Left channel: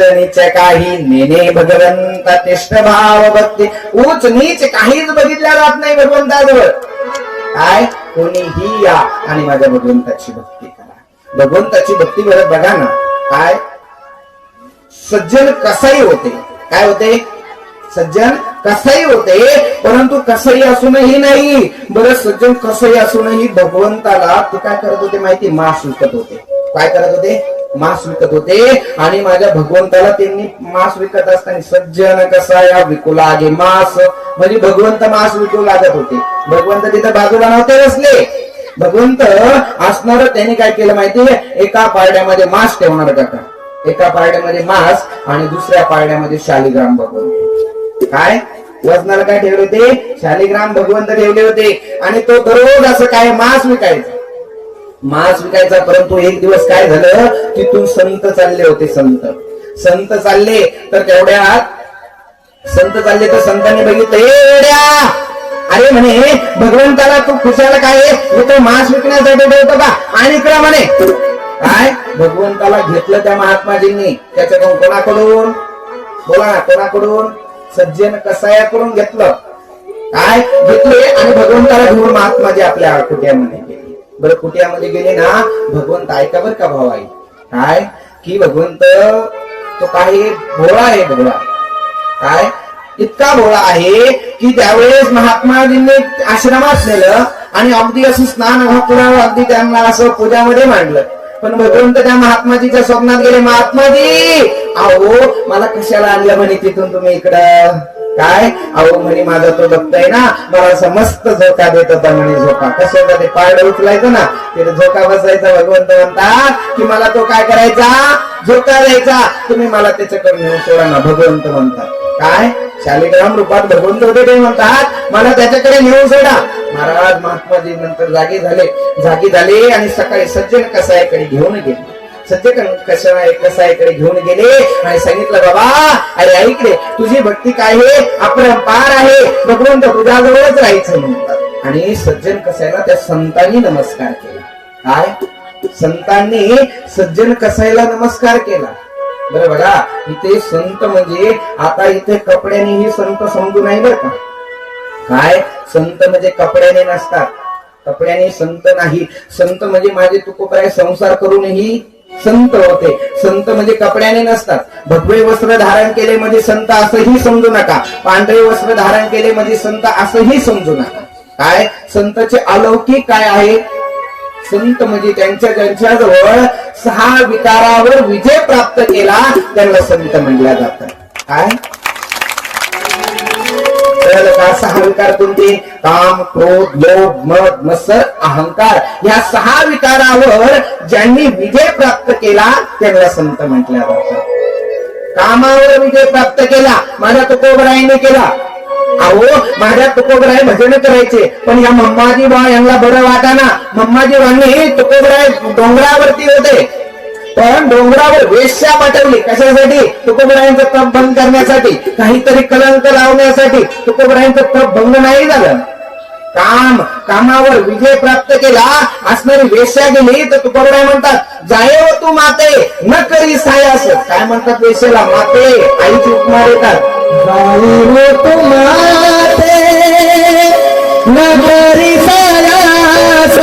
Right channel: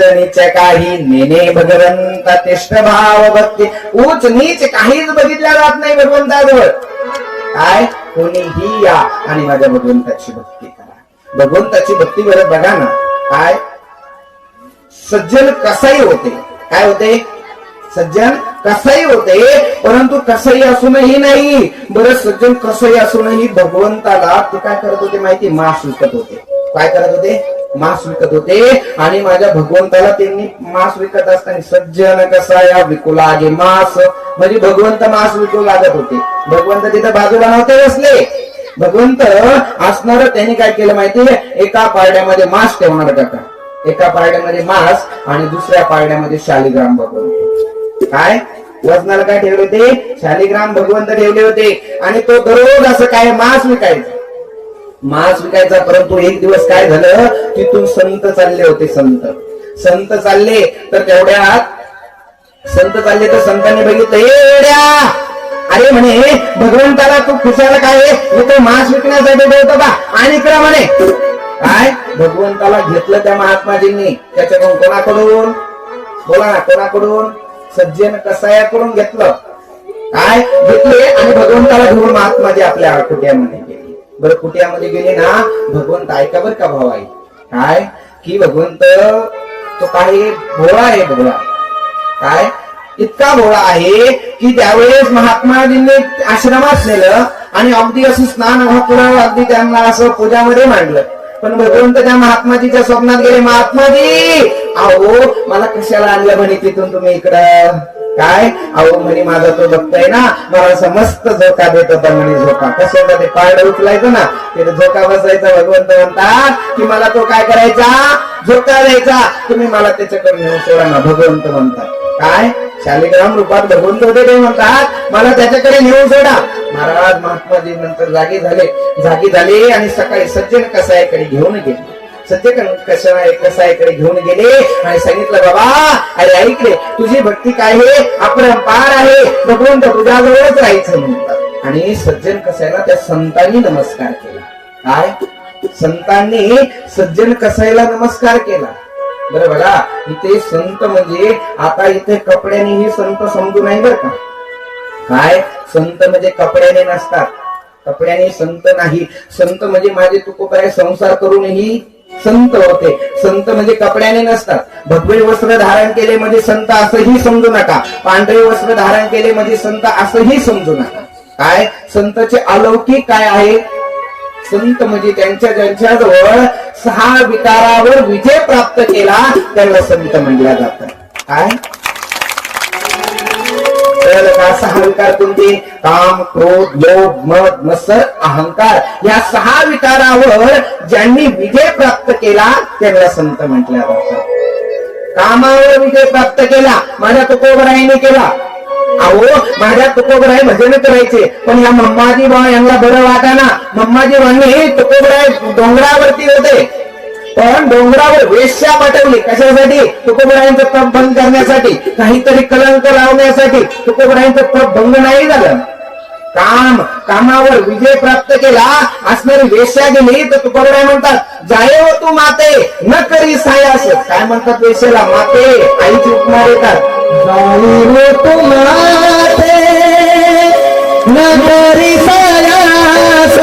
उच नीच काही नेने भगवंता तिष्ठ भाव भक्ती. उच नीच काहीच बघितल्या जात नाही भगवंताजवळ. काय कोणीही या आणि माझ्या भगवंताची भक्ती करा. भगवंताची भक्ती करत बघा ना, काय सज्जन कसाही होते. काय होते? सज्जन कसाही होते. परंतु कसाही असूनही नाही बरं, सज्जन कसंही असूनही भगवंताला ते काय करत होते माहिती? मांस विकत होते. काय करत होते? मांस विकत होते. आणि माझ्या भगवंताला त्यांनी मांस विकत असताना सज्जन कसा या विकू लागे मांस, म्हणजे भगवंत मांस विकू लागत होते. भगवंत तिथे बाजूला नव्हते बसले. भगवंत असणार त्यांनी काय केलं माहितीये? एका पारड्यामध्ये मांस ठेवणार का? एका पारड्यामध्ये मांस आणि दुसऱ्या पारड्यामध्ये शालिग्राम भगवंत. काय वजनाला काय ठेवले होते? शालिग्राम भगवंत ठेवले होते. आणि तो दररोज असं काय मांस विकायचा. मांस विकायचा. परंतु एक दिवस काय झालं? तिथून संत चालले होते. संत चालले तर तेवढ्यात संत चालले तर संतांनी बघितलं, एवढ्या अरे म्हणे भगवंताला तू खुशाला काय इथं मांस विकण्यासाठी ठेवतो का? आणि इकडे म्हणे काय भगवंताला घेतलं त्या महात्माजींनी. त्याच्याकडून कोणाकडून? बोला ना, कोणाकडून? सज्जन कसायाकडून घेतलं. काय घेतले आणि भगवंताला घेऊन महात्माजी आपल्या कुट्यामध्ये गेले. बरं कुट्यामध्ये गेले ना, भगवंत ऐका बरं का भाऊ आहे काय की भगवंत तो काही भोळा आहे. भोळा काय इतका भोळा आहे की त्यावेळेस महात्माजींनी आश्रमात नेलं आणि अगदी असं स्नान घातलं, अगदी त्यांना असं पूजामध्ये मांडलं. पण भगवंत त्या महात्माजीच्या स्वप्नात गेले. महात्माजी अहो मला कशाला आणलं म्हणे तिथून तुम्ही इकडं? काय अहो म्हणे माझा तो भक्त आहे ना, मला असं मस्त झोका देत होता म्हणे. झोका कशाला? ते पारडं उचलायचं ना, तिथे झोका बसायचा. भगवंत म्हणतात की मला तो काय करायचा? झोका द्यायचा. तुम्ही मला त्याच्याकडे नेऊन सोडा ना. भगवंत म्हणतात काय शालिग्राम रूपात भगवंत होते ते म्हणतात मला त्याच्याकडे नेऊन सोडा. महाराज महात्माजी नंतर जागे झाले आणि सकाळी सज्जन कसायाकडे घेऊन गेले. सज्जन कसायाकडे घेऊन गेले आणि सांगितलं, बाबा अरे ऐकले तुझी भक्ती काय आहे? अपरंपार आहे. भगवंत तुझ्याजवळच राहायचं म्हणतात. आणि सज्जन कसायला त्या संतांनी नमस्कार केला. काय संतांनी सज्जन कसायला नमस्कार केला. बरं बघा इथे संत म्हणजे आता इथे कपड्यानेही संत समजू नाही बरं का. काय संत म्हणजे कपड्याने नसतात. कपड्याने संत नाही. संत म्हणजे माझे तुकोबराय संसार करूनही संत होते. संत म्हणजे कपड्याने नसतात. भगवे वस्त्र धारण केले म्हणजे संत असंही समजू नका. पांढरे वस्त्र धारण केले म्हणजे संत असंही समजू नका. काय संतचे अलौकिक काय आहे? संत म्हणजे ज्यांच्याजवळ 6 विकारावर विजय प्राप्त केला त्याला संत म्हणल्या जातात. काय तर 6 विकार कोणते? काम, क्रोध, लोभ, मद, मत्सर, अहंकार. या 6 विकारावर ज्यांनी विजय प्राप्त केला त्याला संत म्हटल्या जातात. कामावर विजय प्राप्त केला माझ्या तुकोबराईने केला. अहो माझ्या तुकोबराय भजन करायचे पण या मम्माजी बा यांना बरं वाटाना. मम्माजी बांनी तुकोबराय डोंगरावरती होते पण डोंगरावर वेश्या पाठवली. कशासाठी? तुकोबरायांचं तप भंग करण्यासाठी, काहीतरी कलंक लावण्यासाठी. तुकोबरायांचं तप भंग नाही झालं. कामावर विजय प्राप्त केला असणारी वेश्या गेली तर तुकोबराय म्हणतात जाये हो तू माते न करी सायास. काय म्हणतात वेश्याला? माते. आईची उपमा देतात. जाये हो तू माते न करी सायास.